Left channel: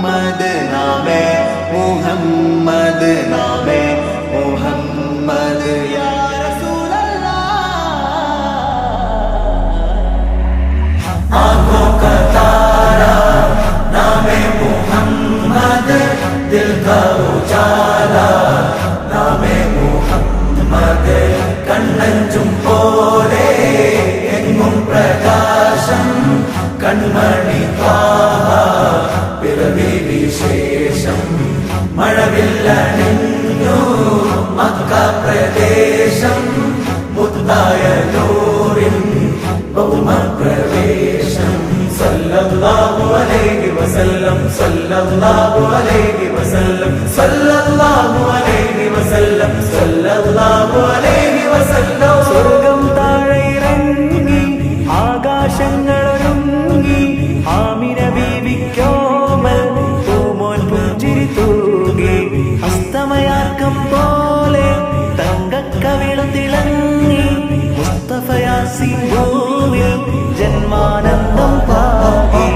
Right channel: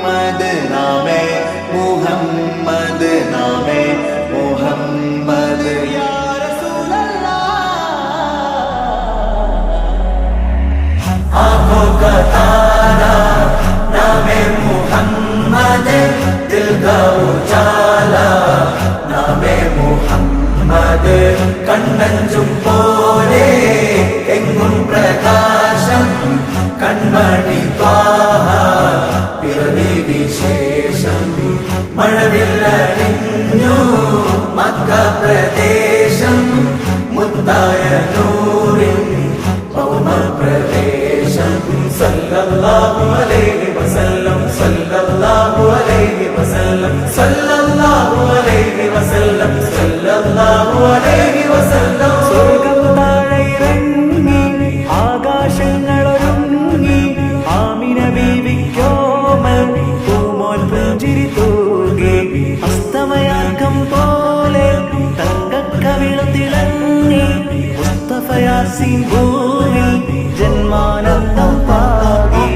മുഹമ്മദ് നാമേ മുഹമ്മദ് നാമേ മുഹമ്മദ് യാ റസൂലല്ലാഹ് ആँखों का तारा नामे मुहम्मद दिल का उजाला नामे മുഹമ്മദ് കണ്ണഞ്ചും പോലെ എങ്ങും പ്രകാശം കൺമണി ത്വാഹ പിറവി വിശേഷം മഴവില്ലണിഞ്ഞു മക്ക പ്രദേശം മുത്തായ നൂറിൻ ഭൗമ പ്രവേശം സല്ലല്ലാഹു അലൈഹി വസല്ലം സല്ലല്ലാഹു അലൈഹി വസല്ലം സല്ലല്ലാഹു അലൈഹി വസല്ലം സല്ലല്ലാഹു അലൈഹി വസല്ലം സ്വർഗം താഴെ ഇറങ്ങി ആകാശങ്ങളൊരുങ്ങി ആമിന ബീവിക്കോമൽ പൂമോൻ പുഞ്ചിരി തൂകി അസ്തമയാർക്കം പോലെ തങ്കക്കവിളു തിളങ്ങി മുസ്തഫ യാസീൻ ഭൂവിൽ ജന്മാനന്ദം പാകി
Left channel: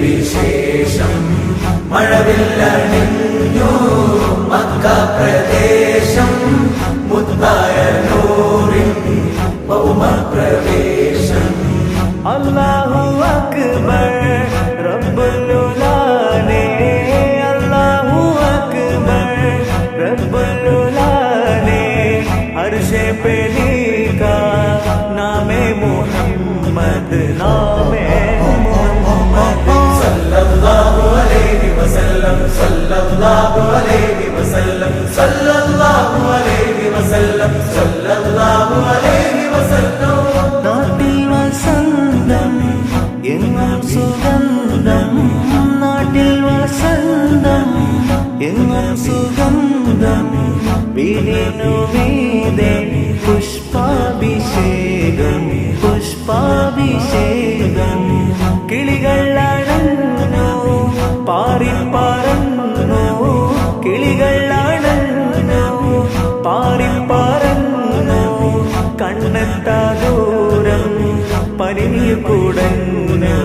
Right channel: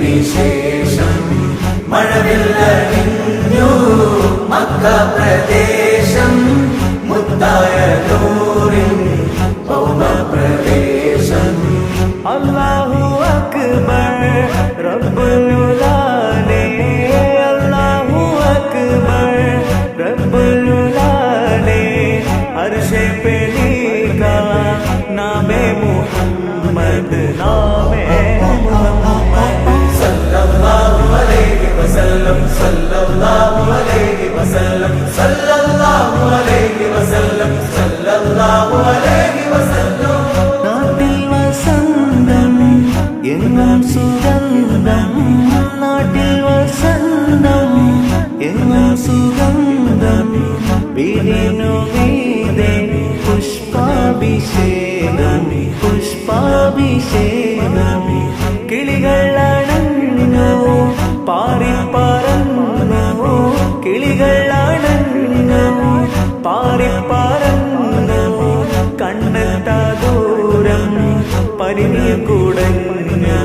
വിശേഷം മഴവില്ലണിഞ്ഞു മക്ക പ്രദേശം മുത്തായ നൂറിൻ ഭൗമ പ്രവേശം അല്ലാഹു അക്ബർ റബ്ബുൽ ഉലാനെ അല്ലാഹു അക്ബർ റബ്ബുൽ ഉലാനെ അർശേ पे लिखा नामे मुहम्मद नामे मुहम्मद सल्लल्लाहु अलैहि वसल्लम सल्लल्लाहु अलैहि वसल्लम सल्लल्लाहु अलैहि वसल्लम सल्लल्लाहु अलैहि वसल्लम നാട്ടിൽ വസന്തം എങ്ങും സുഗന്ധം നാട്ടിൽ വസന്തം എങ്ങും സുഗന്ധം വീടിനു മീതെ പുഷ്പാഭിഷേകം പുഷ്പാഭിഷേകം കിളികൾ അണഞ്ഞു പാറിപ്പറന്നു കിളികൾ അണഞ്ഞു പാറിപ്പറന്നു കണ്ണെത്താ ദൂരം പരിനീർ കുടഞ്ഞു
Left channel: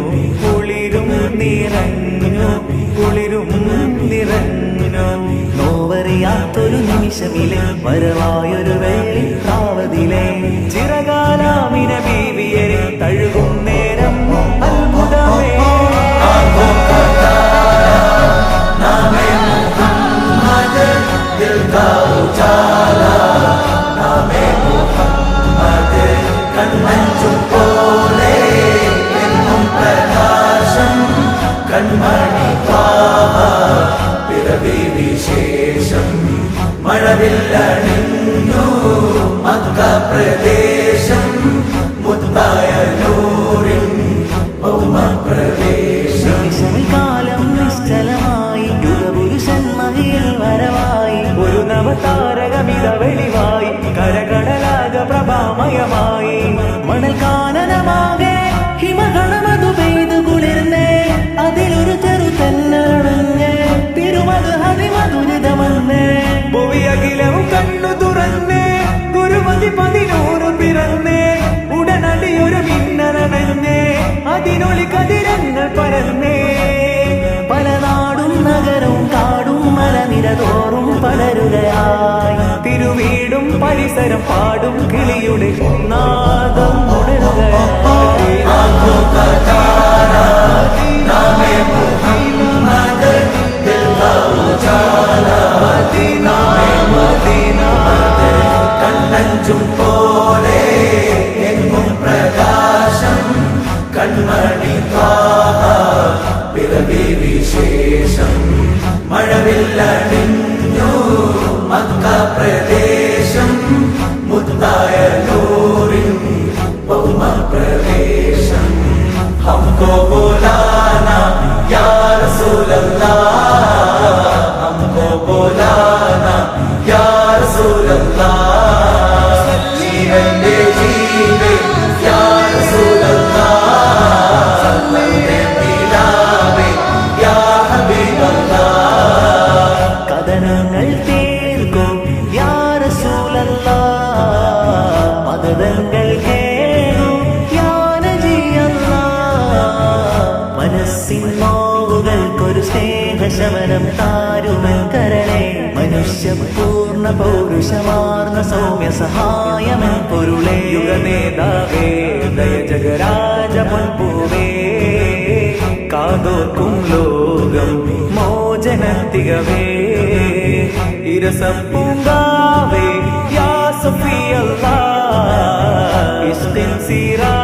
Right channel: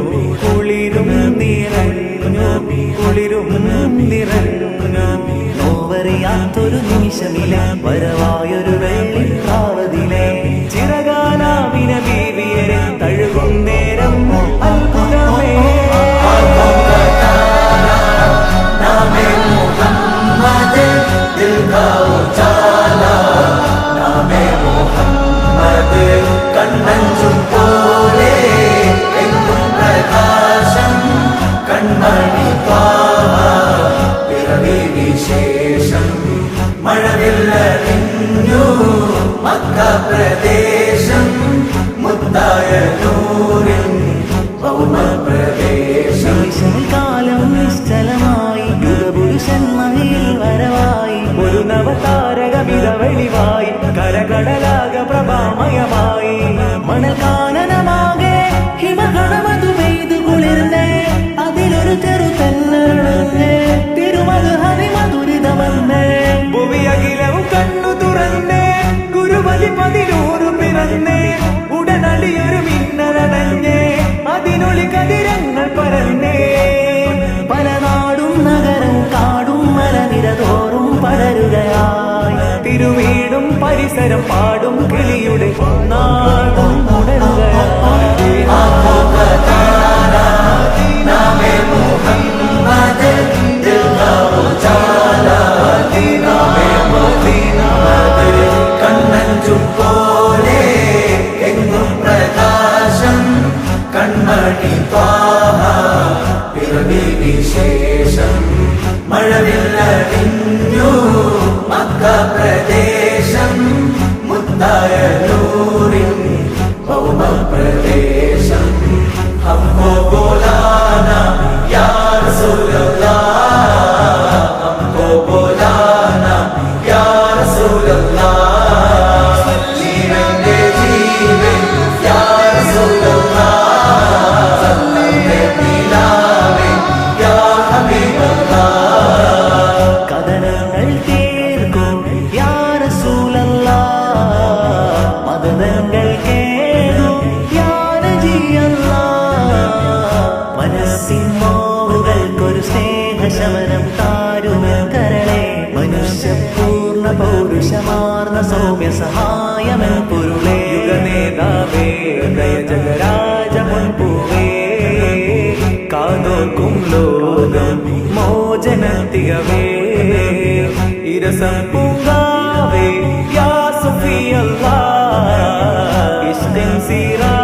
കുളിരും നിറഞ്ഞു കുളിരും നിറഞ്ഞു നോവറിയാത്തൊരു നിമിഷമിലെ വരവായൊരു വെള്ളിപ്രാവതിലെ ചിറകാലാമിന ബീവിയരെ തഴുകും നേരം അത്ഭുതമേ വിശേഷം മഴവില്ലണിഞ്ഞു മക്ക പ്രദേശം മുത്തായ നൂറിൻ ഭൗമ പ്രവേശം നിമിഷമിൽ കാലം നിശ്ചലമായി യുഗപുരുഷൻ മഹിയിൽ വരവായി ഒരു നവതാരകമിത വെളിവായി കരകടലാക പ്രഭാമയമായി മണൽ കാനനമാകെ ഹിമഗണമതു പെയ്തു കുളിർന്നേ അതിലൊരു ചെറു തെന്നരണഞ്ഞേ തിരുമത് ഹരിമധുരിതമെന്നേ ഭുവിയകിലവും കണ്ണു തുറന്നേ ഗുരുമതി 11 പിറന്നേ ഉടനടിയൊരു മിന്നലണഞ്ഞേ അതിനൊളി കതിരങ്ങൾ പരന്നേ പല നാടും നഗരവും കാടും മലനിരതോറും പടരുകയായി തിരുവീടും പരിസരം പാടും കിളിയുടെ നാദം ഉണരുകയായി കണ്ണഞ്ചും പോലെ എങ്ങും പ്രകാശം കൺമണി ത്വാഹ പിറവി വിശേഷം മഴവില്ലണിഞ്ഞു മക്ക പ്രദേശം മുത്തായ നൂറിൻ ഭൗമ പ്രവേശം ഹംകോ ബോലാനാ യാ റസൂലല്ലാഹ് ഹംകോ ബോലാനാ യാ റസൂലല്ലാഹ് ജീവന്റെ ജീവൻ യാ റസൂലല്ലാഹ് മനസ്സിൻ നോവുകൾക്കൊരു സ്നേഹശമനം താരുമൻ കരളെ മനുഷ്യപൂർണ്ണ പൗരുഷമാർന്ന സൗമ്യ സഹായമൻ പൊരുളേ യുഗനേതാവേ ദയ ജഗരാജ പൊൻപൂവേ കാതോർക്കും ലോകം മോചനത്തികവേ ഇരസം പൂങ്കാവേ യാ സഫിയല്ലാ ഇഷ്കിൻ സിറാ